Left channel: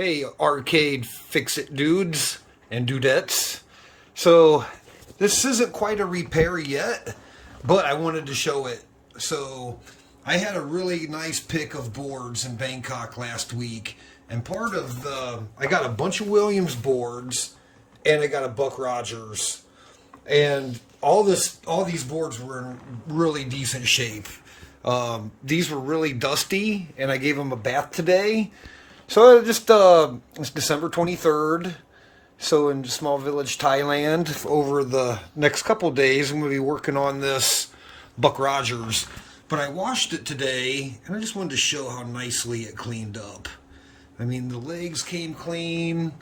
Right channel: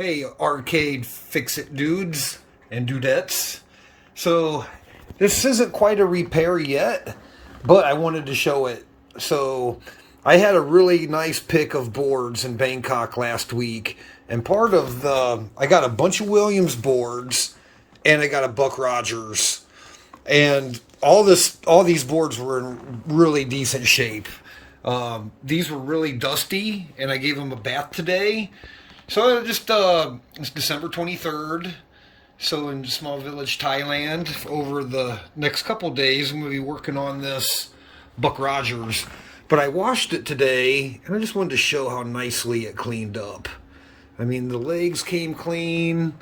Hey, arcade fix-it dudes and dudettes. So, this isn't quite a repair yet, but I wanted to show it. So, I had a really nice pick of boards in Bangkok last week, and I got a bunch of Williams boards, and I got a Buck Rogers, and all these boards were in really decent shape. These were really dusty, and I gave them a bath today. So it's December 23rd. So in Small Village, Thailand, over the next couple days, I'm going to be working on this Buck Rogers. But I washed it today, and I just wanted to show how nicely it cleaned up. I mean, the legs came clean.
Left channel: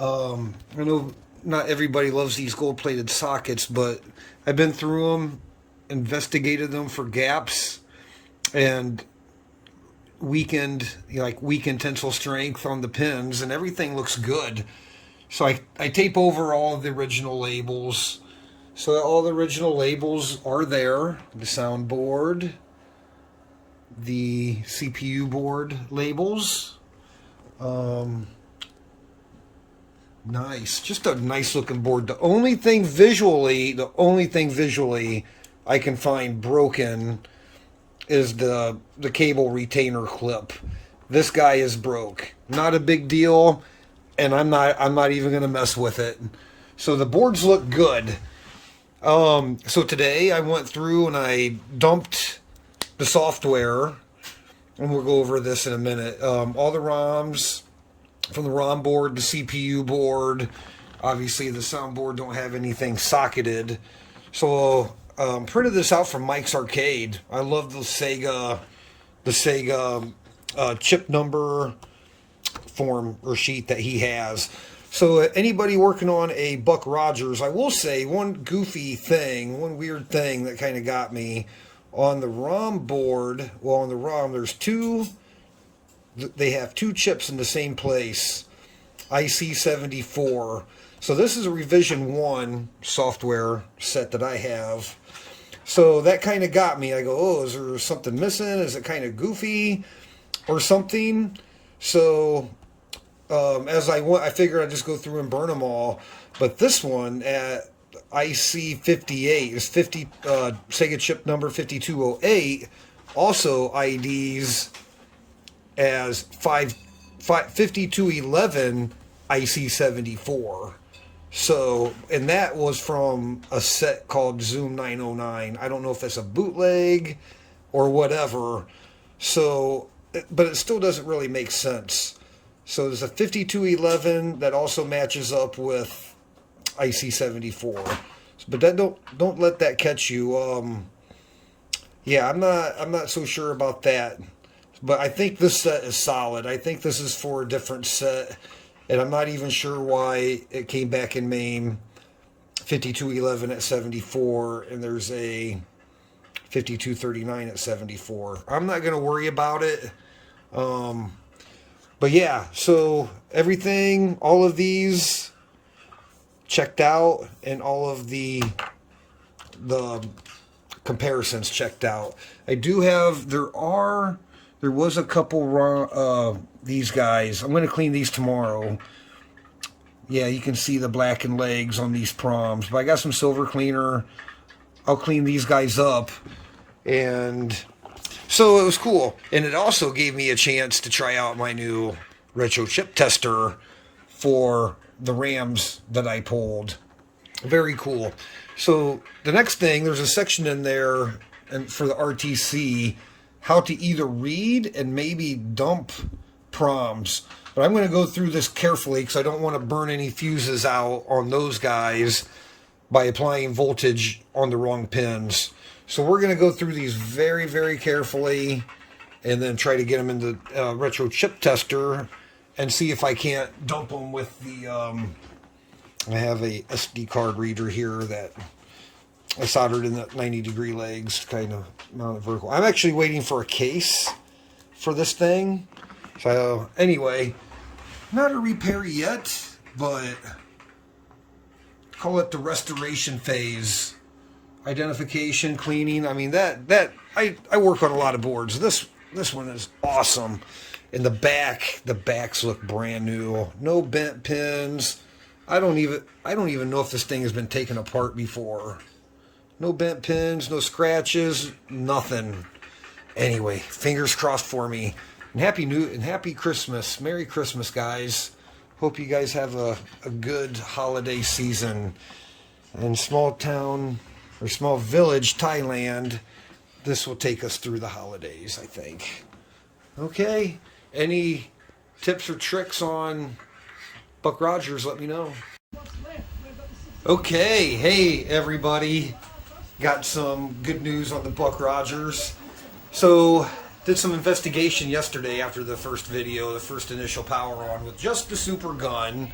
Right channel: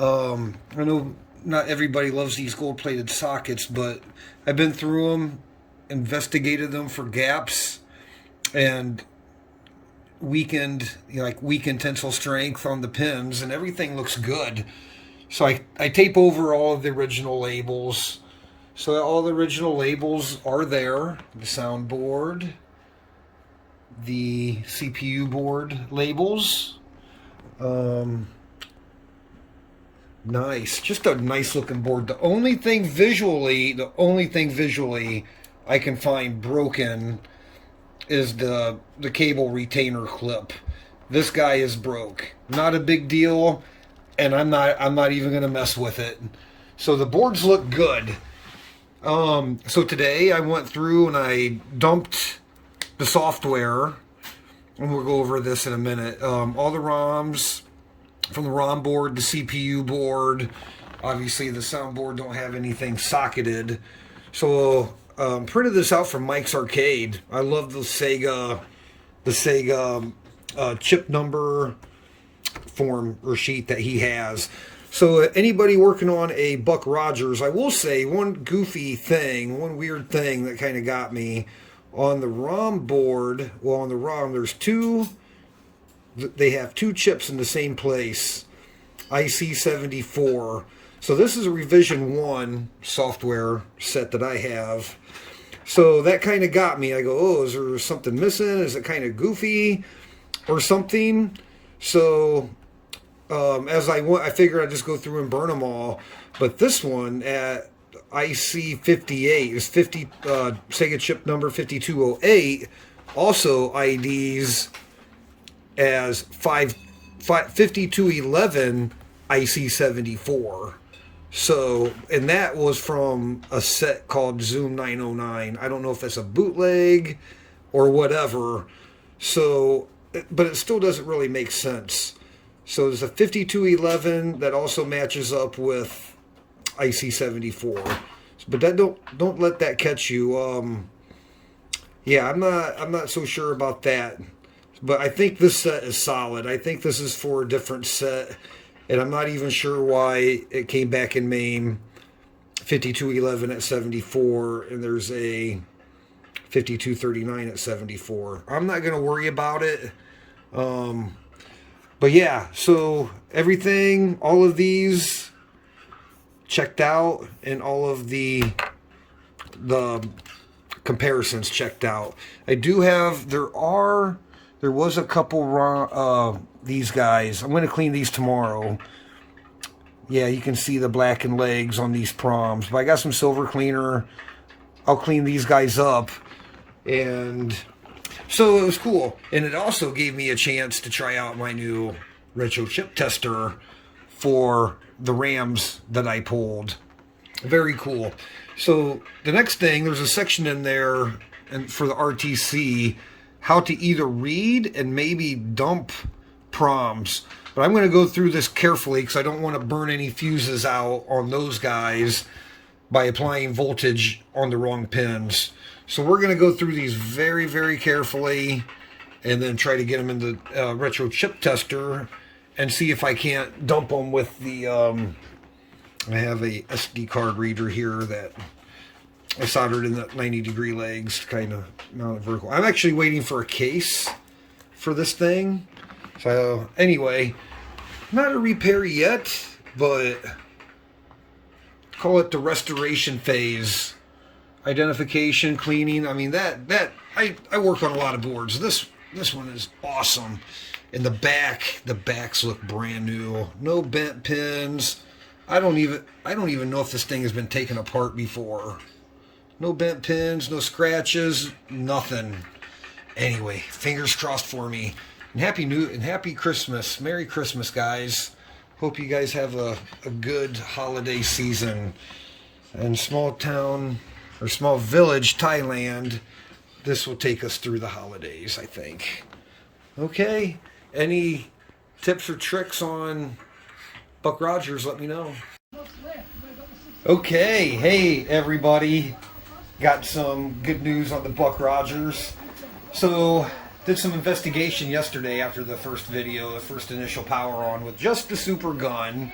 I know not everybody loves these gold-plated sockets, but I've been through them, investigated them for gaps, and weakened tensile strength on the pins, and everything looks good. So I tape over all of the original labels. So all the original labels are there. The soundboard, the CPU board labels. Nice. Just a nice looking board. The only thing visually I can find broken is the cable retainer clip. This guy is broke. Not a big deal, and I'm not even gonna mess with it. So the boards look good. So today I went through and I dumped the software, and we'll go over this in a minute. All the ROMs from the ROM board, the CPU board, obviously the soundboard don't have anything socketed. So printed this out from Mike's Arcade. I love the Sega chip number form or sheet that he has. So anybody working on a Buck Rogers, I will say one weird thing that kind of got me on the ROM board. Well, on the ROM, they have two chips in the same place, IC74. So this is a revision 1 software set that I have. So that kind of got me. I go, oh, is there something missing? Is it kind of goofy or something? So as I went, I figured I'd just go through and burn them all. But this one at IC58 is Sega chip number 5208, also IDs as 5211 IC74. So, and that was from a set called Zoom 909. I don't know if that's a bootleg or whatever. So, but it still doesn't really make sense. So there's a 5211 that also matches up with IC74. But that don't let that catch you. Yeah, I'm not so sure about that. But I think this set is solid. I think this is for a different set. And I'm not even sure why it came back in MAME 5211 at 74, and there's a 5239 at 74. I'm not going to worry about it. But yeah, so everything, all of these checked out, and all of the comparisons checked out. I do have, there was a couple wrong, these guys. I'm going to clean these tomorrow. Yeah, you can see the blackened legs on these proms. But I got some silver cleaner. I'll clean these guys up. And so it was cool. And it also gave me a chance to try out my new retro chip tester for the RAMs that I pulled. Very cool. So the next thing, there's a section in there and for the RTC, how to either read and maybe dump proms. But I'm going to go through this carefully because I don't want to burn any fuses out on those guys by applying voltage on the wrong pins. So we're going to go through these very, very carefully and then try to get them into retro chip tester and see if I can't dump them with the... I have a SD card reader here that I soldered in the 90-degree legs to kind of mount it vertical. I'm actually waiting for a case for this thing. So anyway, not a repair yet, but call it the restoration phase. Identification, cleaning. I mean, I work on a lot of boards. This one is awesome. And the backs look brand new. No bent pins. I don't even know if this thing has been taken apart before. No bent pins, no scratches, nothing. Anyway, fingers crossed for me. And happy Christmas. Merry Christmas, guys. Hope you guys have a good holiday season. In small town or small village, Thailand, this will take us through the holidays, I think. Okay. Any tips or tricks on Buck Rogers, let me know. Okay, hey everybody. Got some good news on the Buck Rogers. So, did some investigation yesterday after the first video, the first initial power on with just the super gun.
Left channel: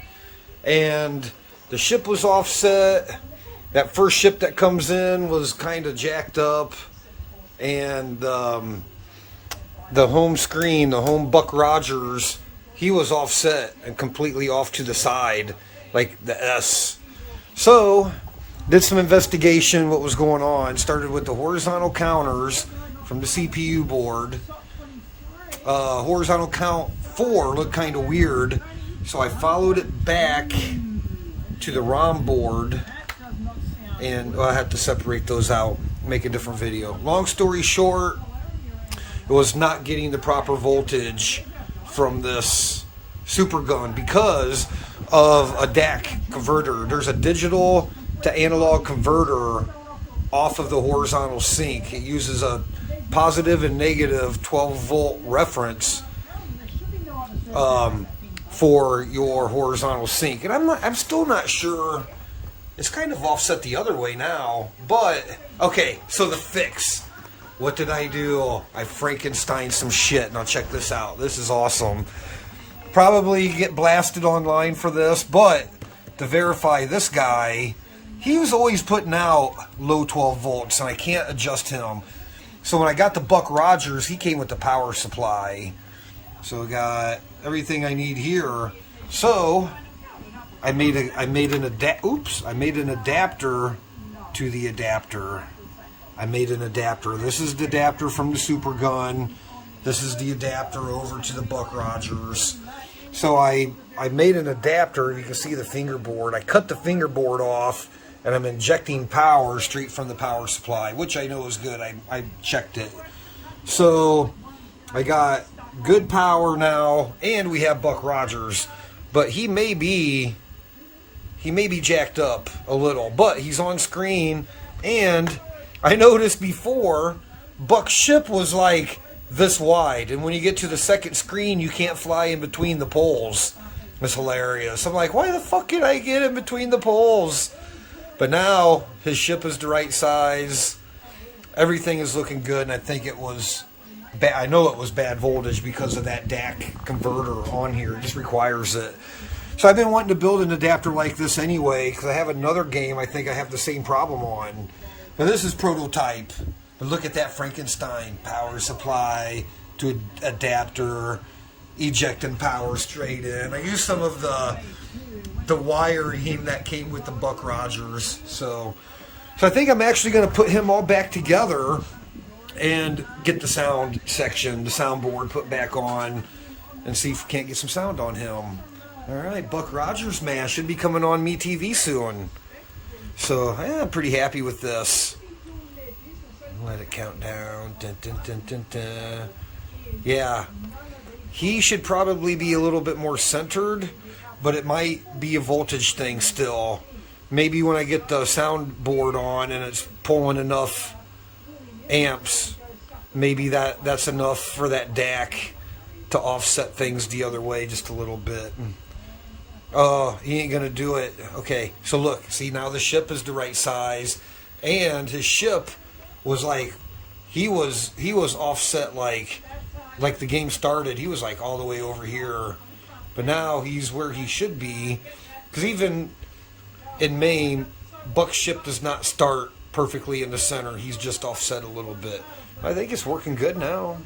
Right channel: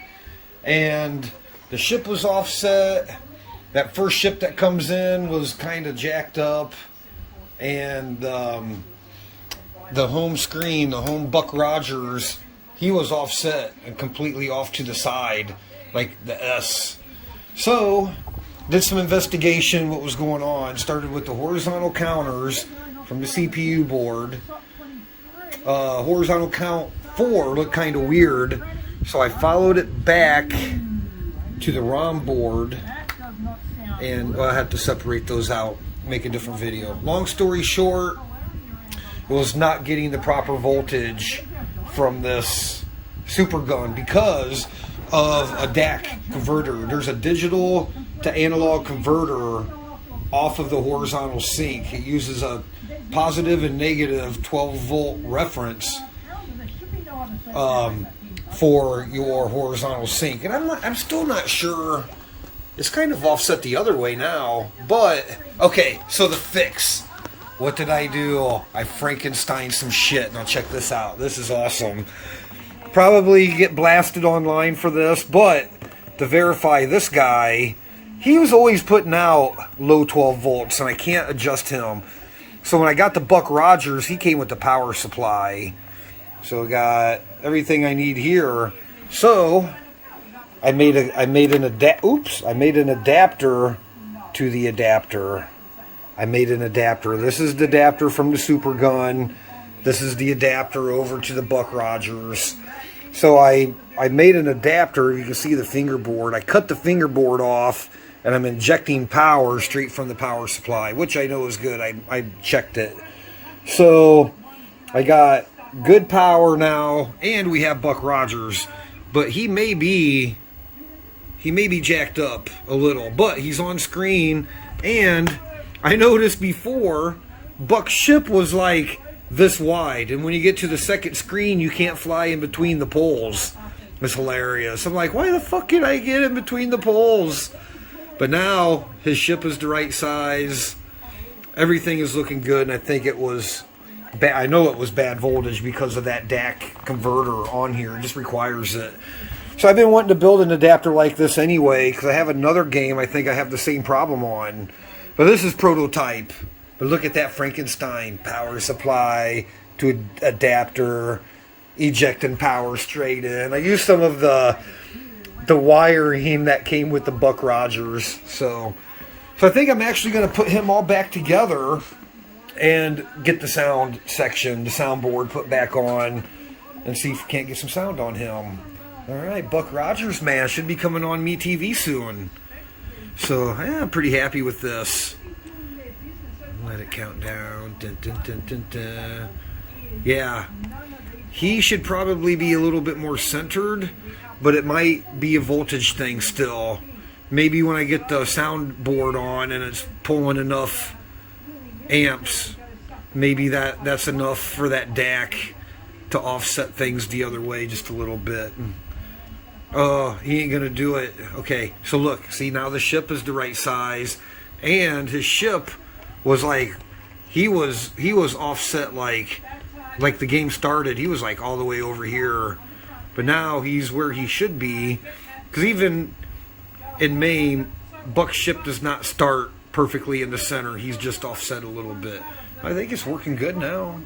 And the ship was offset. That first ship that comes in was kind of jacked up. And the home screen, the home Buck Rogers, he was offset and completely off to the side, like the S. So, did some investigation what was going on. Started with the horizontal counters from the CPU board. Horizontal count 4 looked kind of weird, so I followed it back to the ROM board, and I had to separate those out, make a different video. Long story short, it was not getting the proper voltage from this super gun because of a DAC converter. There's a digital to analog converter off of the horizontal sync. It uses a positive and negative 12 volt reference for your horizontal sync. And I'm still not sure. It's kind of offset the other way now, but okay, so the fix. What did I do? I Frankensteined some shit. Now check this out. This is awesome. Probably get blasted online for this, but to verify this guy, he was always putting out low 12 volts, and I can't adjust him. So when I got the Buck Rogers, he came with the power supply. So I got everything I need here. So I made an adapter to the adapter. I made an adapter. This is the adapter from the super gun. This is the adapter over to the Buck Rogers. So I made an adapter. You can see the fingerboard. I cut the fingerboard off, and I'm injecting power straight from the power supply, which I know is good. I checked it. So I got good power now, and we have Buck Rogers. But he may be jacked up a little, but he's on screen. And I noticed before, Buck's ship was like this wide, and when you get to the second screen, you can't fly in between the poles. It's hilarious. I'm like, why the fuck can I get in between the poles? But now his ship is the right size. Everything is looking good, and I think it was bad. I know it was bad voltage because of that DAC converter on here. It just requires it. So I've been wanting to build an adapter like this anyway, because I have another game I think I have the same problem on. But this is prototype. But look at that Frankenstein. Power supply to adapter, ejecting power straight in. I used some of the wiring that came with the Buck Rogers. So I think I'm actually going to put him all back together and get the sound section, the soundboard put back on, and see if we can't get some sound on him. All right, Buck Rogers, man, should be coming on MeTV soon. So yeah, I'm pretty happy with this. Let it count down. Dun, dun, dun, dun, dun. Yeah, he should probably be a little bit more centered, but it might be a voltage thing still. Maybe when I get the soundboard on and it's pulling enough amps, maybe that's enough for that DAC to offset things the other way just a little bit. Oh, he ain't gonna do it. Okay, so look, see, now the ship is the right size, and his ship was like, he was offset like the game started. He was like all the way over here, but now he's where he should be, because even in Maine, Buck's ship does not start perfectly in the center. He's just offset a little bit. I think it's working good now.